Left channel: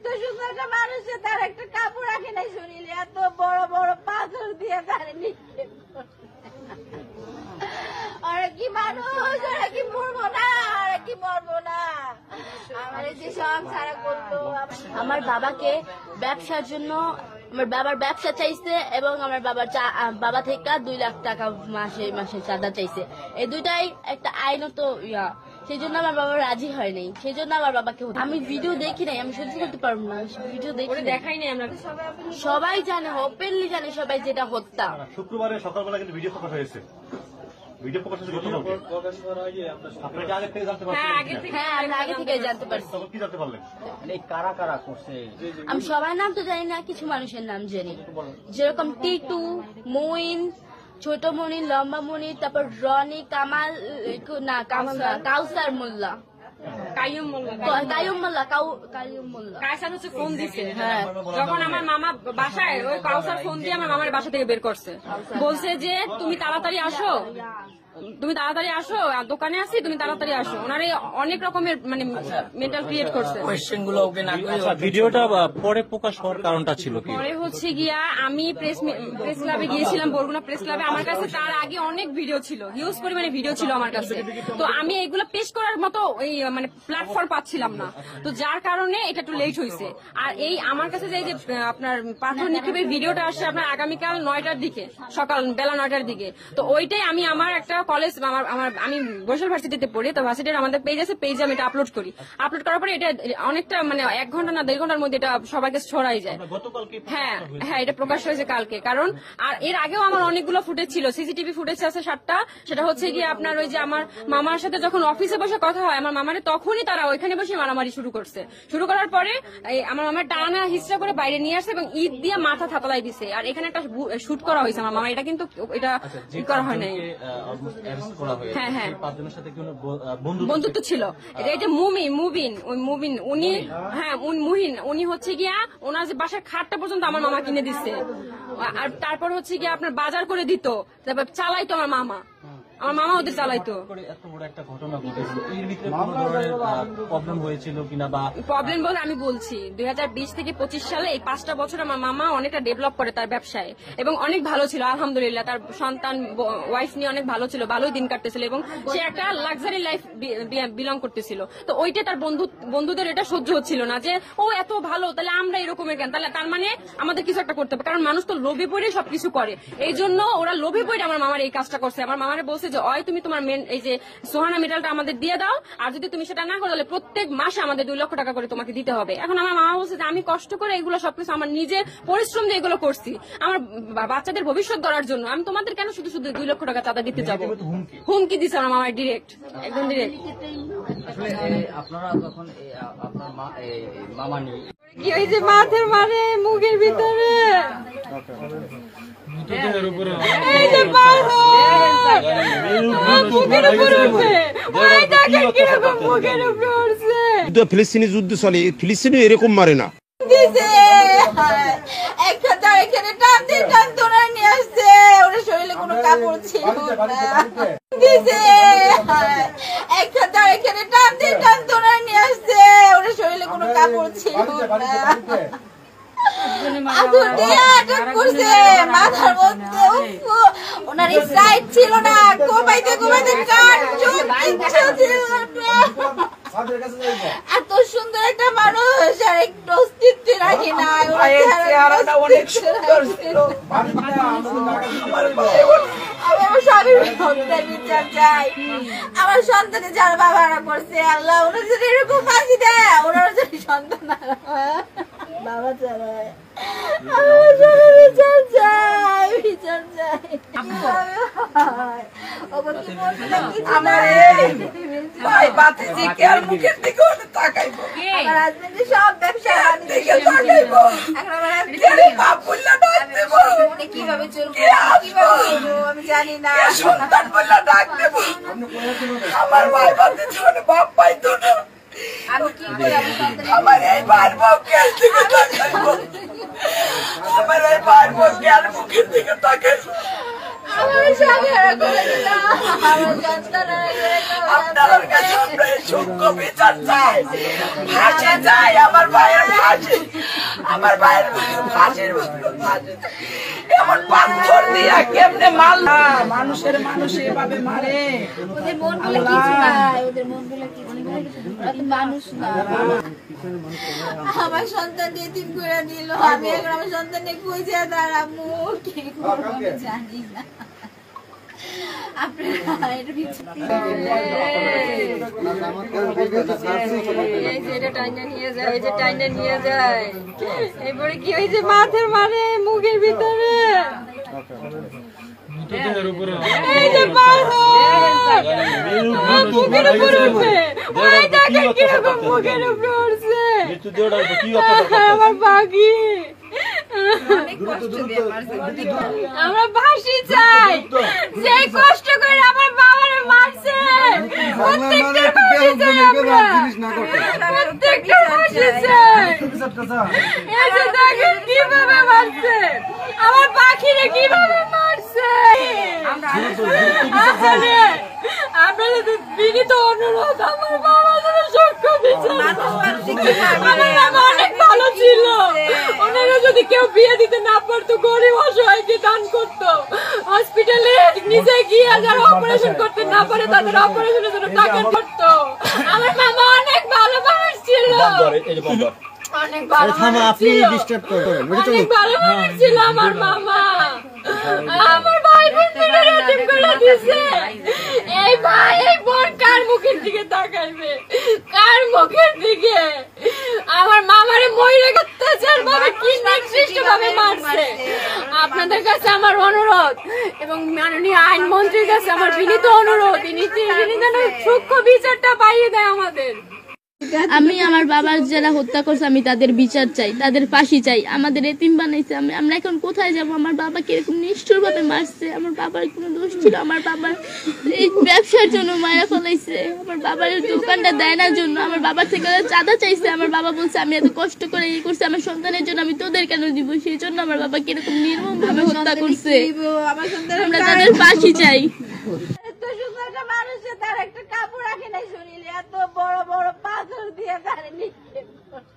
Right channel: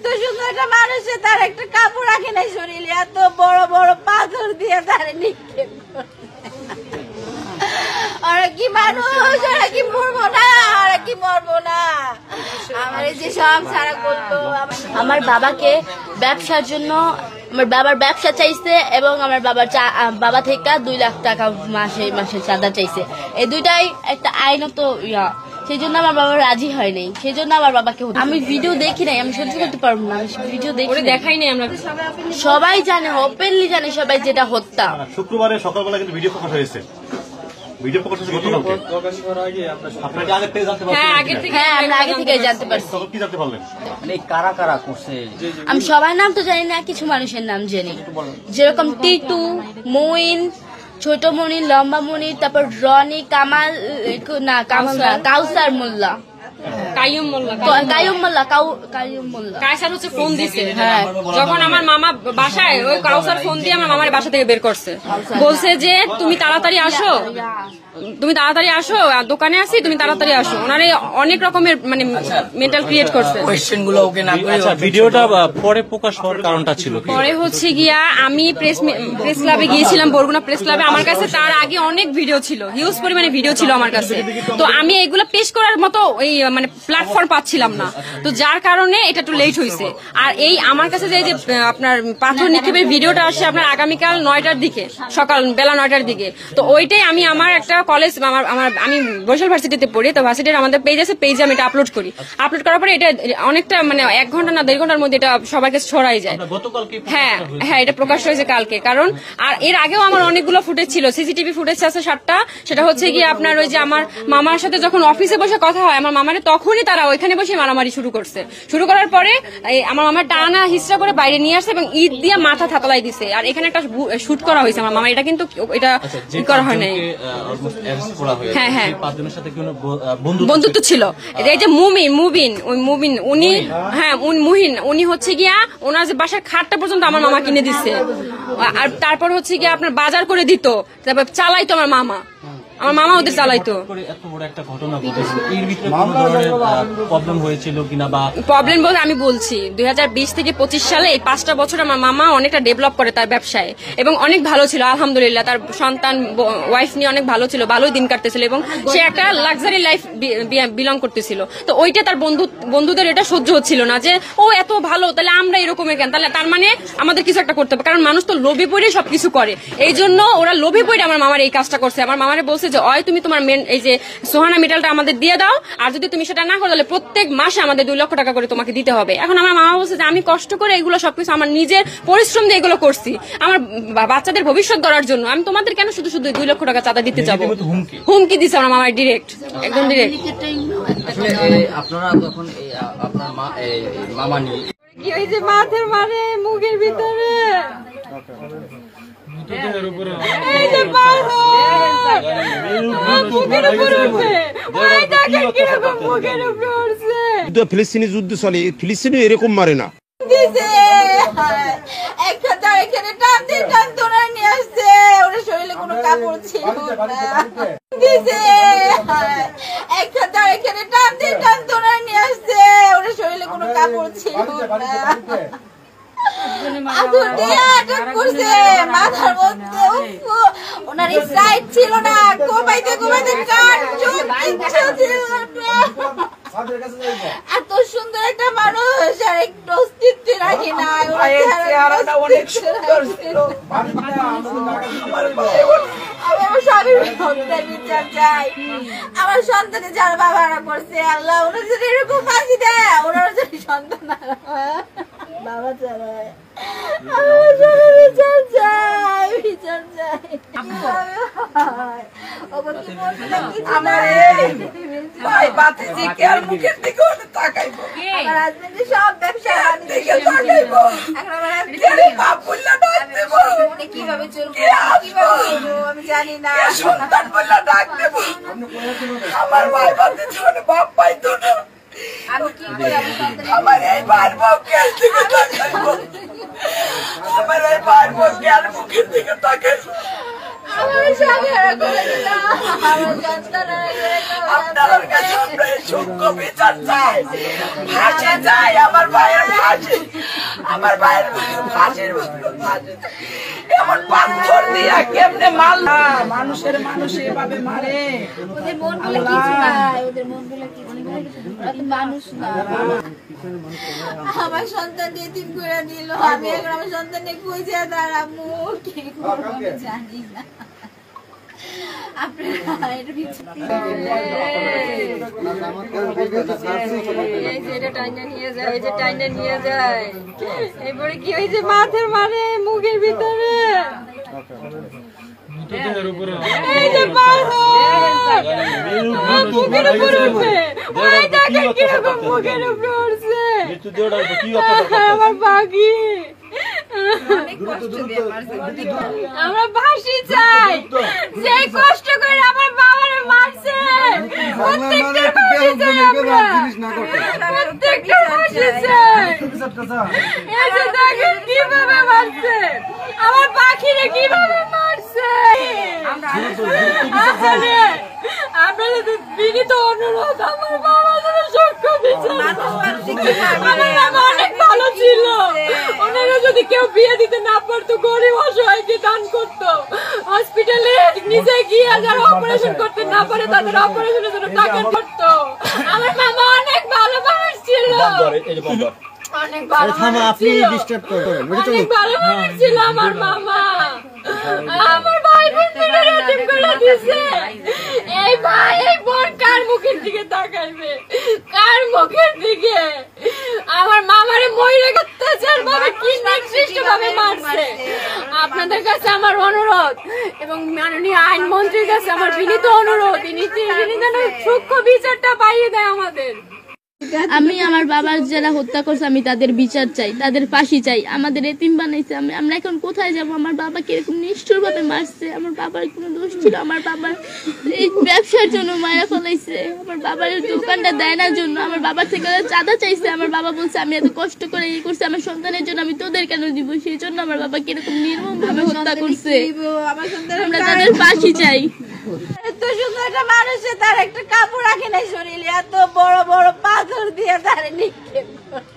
এত সুন্দর একটা মানুষে তার একটা কাপড় রাখে নাই শরীরে, এত বড় বড় পাথর দিয়ে তারে নিক্ষেপ করে। ওরা কি মানুষ, ওরা কি মরবো না, ওরা কি মরবো না। আমার যে সব সারা করতো। আমার বাবাকে ব্যবসার জন্য আমার বাবার ব্যবসা চাইছে এবং আমার বাবা থেকে 2 লাখ টাকা মাসে মাসে চাঁদা চাইছে। এই দুইটাই একটা আইনত ইয়া, সেই জন্য আমার বাবা রাজি হয় নাই। সেই জন্য আমার বাবাকে আমি ভিডিও দেখি নাই, আমি সহ্য করতে পারবো না, ভিডিও দেখাই নাই। আমরা সবাই জানে, ওপেনলি জানে সবাই যেটা হত্যা। শুক্রবারে সকালবেলা কিন্তু ভিডিও প্রকাশ হয়েছে। ভিডিও প্রকাশ হয়েছে গতকালকে। আপনারা কি আগে থেকে জানতে পারছেন? হ্যাঁ, আমরা আগে থেকে জানতে পারছি। তখন কি জানতে পারলেন? মানে কারা কারা করছে? আমি সবার নাম তো জানি না, কিছু মানুষের নাম জানি, যেরকম টিটু, মইন, ছোট মনির, লম্বা মনির, তারপর রনি, কামাল না কাউসার মোল্লা, কাইয়ুম মোল্লা। কায়সার হচ্ছে ফোন দিছে। হ্যাঁ, যখন আমার মামা বাসায়, ওই কাউসার ফোন দিয়ে আমার মামার বাসা থেকে বের করছে, বলছে যে তুমি তাড়াতাড়ি আসো, দোকানে আসি, তুমি তাড়াতাড়ি আসো। ওনারে অনেক রকমের মানে মেন্টাল ক্রিয়েট করছে। আচ্ছা, ভিডিওটা পরে প্রকাশ হওয়ার কারণটা ছিল কি? পরে হচ্ছে গিয়া আমি প্রেস ক্লাবে গিয়েছিলাম, বরগুনা প্রেস ক্লাবে। আমার কাছে তার আগে অনেক ভিডিও ছিল, হিউজ পরিমাণে ভিডিও ছিল আমার কাছে। তো আমি এগুলো পেশ করার মতো এই মানে প্ল্যাটফর্ম পাচ্ছিলাম না, তো যার কারণে এটা একটু লেট হয়েছে। আর এই আমার কাছে যে আপনার পাথর নিক্ষেপের ভিডিওটা আসে আপনার আগামীকাল 9টার দিকে, সকাল বেলা 9টার দিকে। তো ওইটাই আমি আমার একটা কলেজ, আমি বরিশাল ভার্সিটিতে পড়ি, তো ভার্সিটির আমাদের পেজ আছে, পেজে আমি এটা আপলোড করি। আপলোড করার পরে এটা অনেকটা মানে 1 ঘন্টা না 1.5 ঘন্টার মধ্যে এটা সবাইকে ছড়াই যায়। হ্যাঁ, এটা প্রকাশ হয়েছে কালকে। কারণ আর এর আগেও আমার অনেকগুলো ফুটেজ ছিল, সিসিটিভি ফুটেজ আছে 7টা। সেটা হচ্ছে গিয়ে আপনার ওই যে আমার মামার সাথে যখন অফিসে বসে কথা হয়, আমার মামারে তখনই তারা ওইখানে বসে মারামারি শুরু করছে। শুরু করার পরে আমার মামার টানা হিস্ট্রা করে বাইরে নিয়ে আসছে এবং ইট দিয়ে মাথা থাতলাই দিছে। আর এখানে একটা শুট করা হয়েছে আমার মামা, এটা কিন্তু এটা করা হয় নাই। হ্যাঁ, বন্ধুত্ব ছিল। এই যে মুবিন উনি, হ্যাঁ মুহিন, উনি হচ্ছে গিয়া ওনার যে বাসার খাটটা পর্যন্ত আমার মামা কিনে দিচ্ছে। আর তারপর হচ্ছে গিয়া আপনার বাজার করে দিত, তারপর চালাইতো আমার মামা ওদের চালাইতো। প্রবলেম বলতে আমি বলছি 2020 থেকে 25 সালে এই 5টা বছর আমার মামা অনেকটা ডেভেলপ করে তার ব্যবসায় এবং অনেক ভালো ছিল আলহামদুলিল্লাহ। তার সন্তান ওয়াইফ নিয়ে অনেক ভালো ছিল, ভালোই দিন কাটতেছিল এবং সে একটা লাক্সারি লাইফ বিলং করতেছিল। তো ওইটা তার বন্ধুদের এটা সহ্য হচ্ছিল না যে ও এত ভালো, তাহলে আমরা এরকমের কেন, তাহলে তার মানে আমাদের কিছু একটা করতে হবে। কারণ মানুষ তো লোভে পড়ে সবকিছু করে, এই জন্য ওরা লোভে পড়ে আমার মামার এই কাজটা করছে। আমার মামারে বলছে যে হয় তুমি তোমার এই যে সোহানা মেটালটা আমাদের দিয়ে দাও, আর যদি তুমি সেটা না করো তাহলে প্রত্যেক মাসে আমাদের 2 লক্ষ টাকা করে তোমাকে দিতে হবে। এখন আমার মামা বলছে যে আমি কষ্ট করে এগুলো সবকিছু আমার নিজের পরিশ্রম দিয়ে এগুলো করছি আমার বাচ্চাদের ভবিষ্যৎ গড়ার জন্য, আমি তোমাদের কেন শুধু 2 লক্ষ টাকা চাঁদা দিতে যাবো। হুমকি দিচ্ছে আমার মামার ডিরেক্ট, একদম ডিরেক্ট। আপনারা তখন আপনার মামা নিয়ে কি হয়েছে, মাথার মানে মুখের ভিতরে ফিলিস্তিনি যুদ্ধ চলে, ফিলিস্তিনি এরকম মারে না। শরীরে কোনো কাপড় ছিল না, নিয়ে আসছে ওরা শরীরে কোনো কাপড় ছিল না, মাথার মধ্যে ওনার সাইড ছিল না, কোপাইতে এত সুন্দর একটা মানুষ আর একটু অস্তিত্ব রাখি না। আমার সন্তানে যার বাবারা করছে, আল্লাহ ওনার যদি এরকম ফাঁসি দেয়, ওনার যদি সন্তান বাবা চালায়, বিচার চাই। সব ব্যবসা কিভাবে চলবো আমি জানি না। আমার ভাই বাচ্চা ছিল বাপ পাইতো না, আমি কি করে আমার এই ভাইয়ের বউকে দিকে তাকাইবো, আমার এই ভাইয়ের বউকে আর মুখের দিকে তাকাইবো। আপনার কাছে আমরা এই সূক্ষ্ম বিচার চাই, ফাঁসি চাই, আমার ভাইয়ের ফাঁসি আমার ভাইয়ের ফাঁসির এমন পাথর দিয়া কেমনে মারলা? মানুষের মানুষ এভাবে মারে? ওদের মনগুলো কিছু না, ওদের মনগুলো কিছু না, ওরা তো মানুষ না। আমার সন্তান এতিম করে দিল, আমি এখন আমার সন্তানকে খুঁজে দাঁড়াবো, কি করবো আমি জানি না। আপনারা এর পিছনে নিয়ে যায় এরপরে কি হয়েছে মাথার মানে মুখের ভিতরে মুখের উপরে উঠছে আমার পাখি। আমরা ফাঁসি চাই, যে কষ্ট করে আমার বাবারে মারছে প্রত্যেকটা ফাঁসি চাই, আমরা প্রত্যেকটা ফাঁসি চাই। এসে দেখেন কিভাবে মারছে আমার পাখিরে, কিভাবে মারছে। আপনাদের বিনীত অনুরোধ, আমার বাবা যেন সূক্ষ্ম বিচার। আমার বাবা অনেক ভালো ছিল, ওনারা যদি কেউ বিয়ে দিতে না পারতো, গরিব অসহায়কে দান করতো, হসপিটালে নিজে গিয়ে যারা অপারেশন করতে না পারে তাদের অপারেশনের জন্য টাকা করতো। আমার মামা অনেক ভালো মানুষ ছিল, অনেক ভালো মানুষ ছিল, অনেক ভালো মানুষ ছিল আমার মামা। আমার ভাই বোনদের এতিম করে দিছে। এই ভাই এই বোন কার মুখের দিকে তাকাইবে, কার মুখের দিকে? আমার মামারে মইরে অত্যাচার ভাবে কি নিকৃষ্ট ভাবে মারছে। আপনাদের কাছে আমার অনুরোধ এবং মাননীয় আইনমন্ত্রীর কাছে আমার বিনীত অনুরোধ, তিনি যেন সূক্ষ্ম বিচারটা পাইয়ে দেয় আমাদের। আমি আমার বাবার যারা হত্যা করছে আমি তাদের বিচার চাই, তাদের ফাঁসি চাই। আমাদের এতিম বানাইছে, আমরা এখন কোথায় যাব? আমার বাবাকে এরকম নিষ্ঠুর ভাবে মারছে, আমার বাবার কোনো দোষ ছিল? আমার বাবার এই ব্যবসার জন্য মায়া ফলাইছে, আমার বাবার দোকানটা দেয় না জন্য আমার বাবার থেকে চাঁদা চাইছে। আমার বাবা বলছে আমি এত কষ্ট করে এই করছি আমার সন্তানের জন্য, আমি তোদের কেন দিব? সেই জন্য আমার বাবাকে এরকম নির্মম ভাবে হত্যা করছে। আমরা তাদের ফাঁসি চাই। এত সুন্দর একটা মানুষের তার একটা কাপড় রাখে নাই শরীরে, এত বড় বড় পাথর দিয়ে তার নিক্ষেপ করে।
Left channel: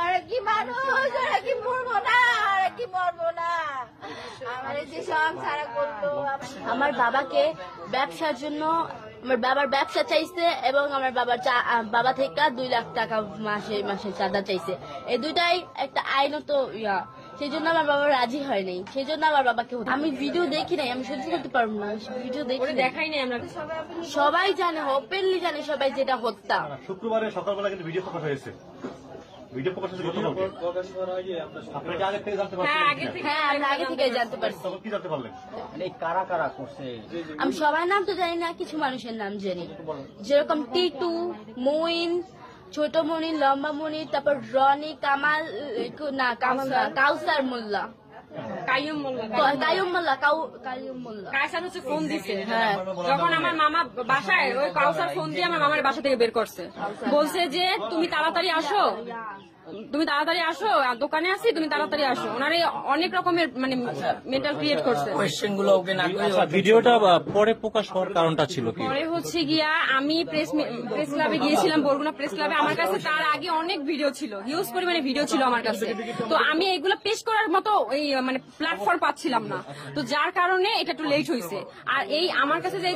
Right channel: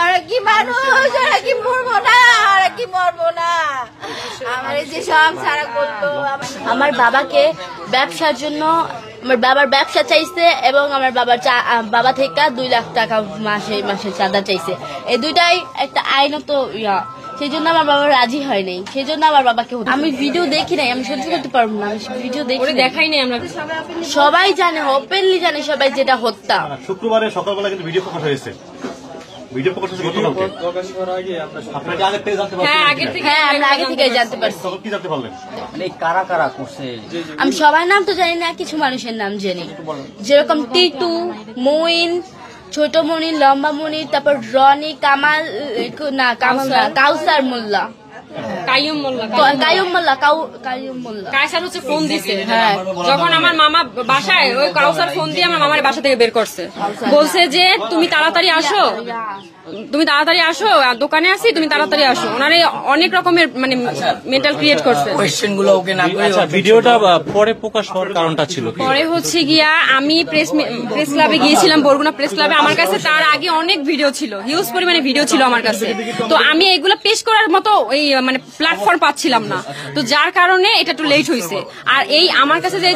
ওরা কি মানুষ? ওরা কি মরবো না? ওরা কি মরবো না? আমার এই যে সব সারা করতো। আমার বাবাকে ব্যবসার জন্য আমার বাবার ব্যবসা চাইছে এবং আমার বাবা থেকে 2 লাখ টাকা মাসে চাঁদা চাইছে। এই দুইটাই একটা আইনত সেই জন্য আমার বাবা রাজি হয় নাই, সেই জন্য আমার বাবাকে আমি ভিডিও দেখি নাই, আমি সহ্য করতে পারবো না, ভিডিও দেখাই নাই। আমরা সবাই জানে, ওপেনলি জানে সবাই যেটা হত্যা। শুক্রবারে সকালবেলা কিন্তু ভিডিও প্রকাশ হয়েছে, ভিডিও প্রকাশ হয়েছে গতকালকে। আপনারা কি আগে থেকে জানতে পারছেন? হ্যাঁ, আমরা আগে থেকে জানতে পারছি। তখন কি জানতে পারলেন? মানে কারা কারা করছে? আমি সবার নাম তো জানি না, কিছু মানুষের নাম জানি, যেরকম টিটু, মইন, ছোট মনি, লম্বা মনি, তারপর রনি, কামাল না কাউসার মোল্লা, কাইয়ুম মোল্লা, কায়সার হচ্ছে ফোন দিছে। হ্যাঁ, যখন আমার মামা বাসায়, ওই কাউসার ফোন দিয়ে আমার মামার বাসা থেকে বের করছে, বলছে যে তুমি তাড়াতাড়ি আসো, দোকানে আসি, তুমি তাড়াতাড়ি আসো। ওনারে অনেক রকমের মানে মেন্টাল ক্রিয়েট করছে। কোয়েশ্চেনগুলো ওকে না করে ভিডিওটা পরে প্রকাশ হওয়ার কারণটা ছিল কি? পরে হচ্ছে গিয়া আমি প্রেস ক্লাবে গিয়েছিলাম, বরগুনা প্রেস ক্লাবে। আমার কাছে তার আগে অনেক ভিডিও ছিল, হিউজ পরিমাণে ভিডিও ছিল আমার কাছে। তো আমি এগুলো পেশ করার মতো এই মানে প্ল্যাটফর্ম পাচ্ছিলাম না, তো যার কারণে এটা একটু লেট হয়েছে। আর এই আমার কাছে যে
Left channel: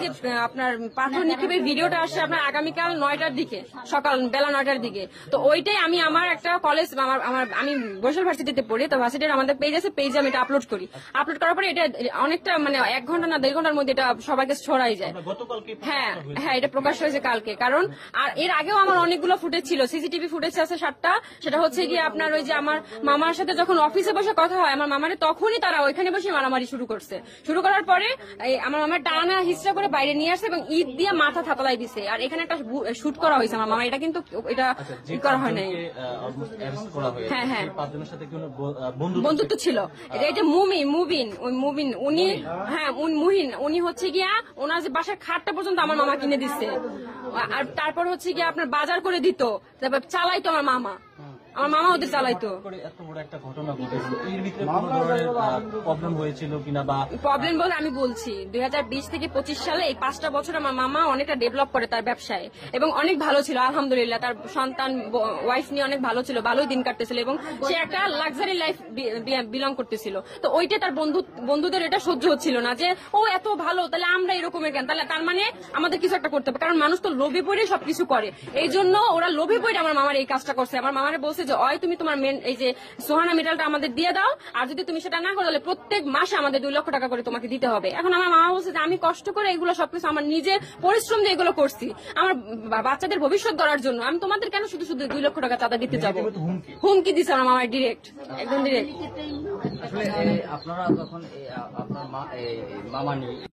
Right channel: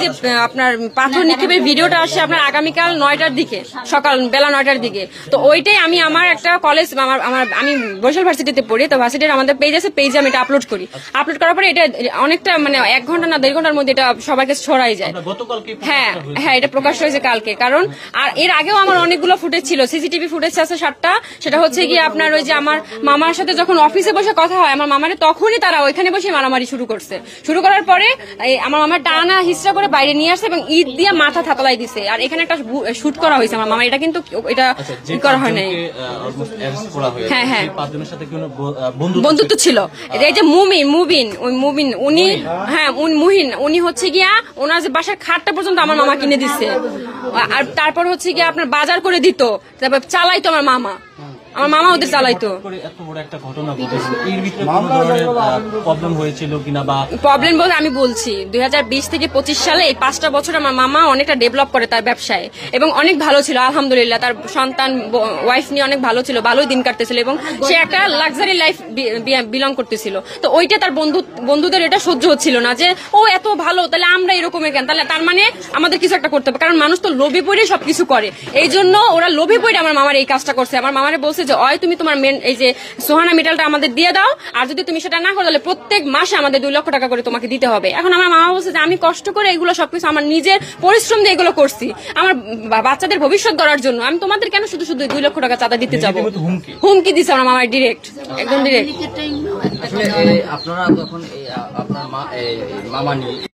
আপনার পাথর নিক্ষেপের ভিডিওটা আসছে আপনার আগামীকাল 9টার দিকে, সকাল বেলা 9টার দিকে। তো ওইটাই আমি আমার একটা কলেজ, আমি বরিশাল ভার্সিটিতে পড়ি, তো ভার্সিটির আমাদের পেজ আছে, পেজে আমি এটা আপলোড করি। আপলোড করার পরে এটা অনেকটা মানে 1 ঘন্টা না 1.5 ঘন্টার মধ্যে এটা সবার কাছে ছড়াই যায়। হ্যাঁ, এটা প্রকাশ হয়েছে কালকে। কারণ আর এর আগেও আমার অনেকগুলো ফুটেজ ছিল, সিসিটিভি ফুটেজ আছে 7টা। সেটা হচ্ছে গিয়ে আপনার ওই যে আমার মামার সাথে যখন অফিসে বসে কথা হয় আমার মামারে, তখনই তারা ওইখানে বসে মারামারি শুরু করছে। শুরু করার পরে আমার মামার টানা হিস্ট্রা করে বাইরে নিয়ে আসছে এবং ঈদ দিয়ে মাথা থাতলাই দিছে। আর এখানে একটা শুট করা হয়েছে আমার মামা, এটা কিন্তু এটা করা হয় নাই। হ্যাঁ, বন্ধুত্ব ছিল। এই যে মুবিন উনি, হ্যাঁ মুহিন, উনি হচ্ছে গিয়া ওনার যে বাসার খাটটা পর্যন্ত আমার মামা কিনে দিচ্ছে। আর তারপর হচ্ছে গিয়া আপনার বাজার করে দিত, তারপর চালাইতো আমার মামা। আমার মামা ওদের চালাইতো। এত বড় একটা ঘটনা ঘটেছে, এর ভিতরে কোনো ধরনের প্রবলেম হয়েছিল কিনা বা প্রবলেম বলতে আমি বলছি 2020 থেকে 25 সালে এই 5টা বছর আমার মামা অনেকটা ডেভেলপ করে তার ব্যবসায় এবং অনেক ভালো ছিল আলহামদুলিল্লাহ। তার সন্তান ওয়াইফ নিয়ে অনেক ভালো ছিল, ভালোই দিন কাটতেছিল এবং সে একটা লাক্সারি লাইফ বিলং করতেছিল। তো ওইটা তার বন্ধুদের এটা সহ্য হচ্ছিল না যে ও এত ভালো, তাহলে আমরা এরকম কেন, তাহলে তার মানে আমাদের কিছু একটা করতে হবে, কারণ মানুষ তো লোভে পড়ে সবকিছু করে। এই জন্য ওরা লোভে পড়ে আমার মামার এই কাজটা করছে। আমার মামারে বলছে যে হয় তুমি তোমার মেন এই যে সোহানা মেটালটা আমাদের দিয়ে দাও, আর যদি তুমি সেটা না করো তাহলে প্রত্যেক মাসে আমাদের 2 লক্ষ টাকা করে তোমাকে দিতে হবে। এখন আমার মামা বলছে যে আমি কষ্ট করে এগুলো সবকিছু আমার নিজের পরিশ্রম দিয়ে এগুলো করছি আমার বাচ্চাদের ভবিষ্যৎ গড়ার জন্য, আমি তোমাদের কেন শুধু শুধু 2 লক্ষ টাকা চাঁদা দিতে যাবো। হুমকি দিছে আমার মামার ডিরেক্ট, একদম ডিরেক্ট। আসলে আপনারা যখন আপনার মামা নিয়ে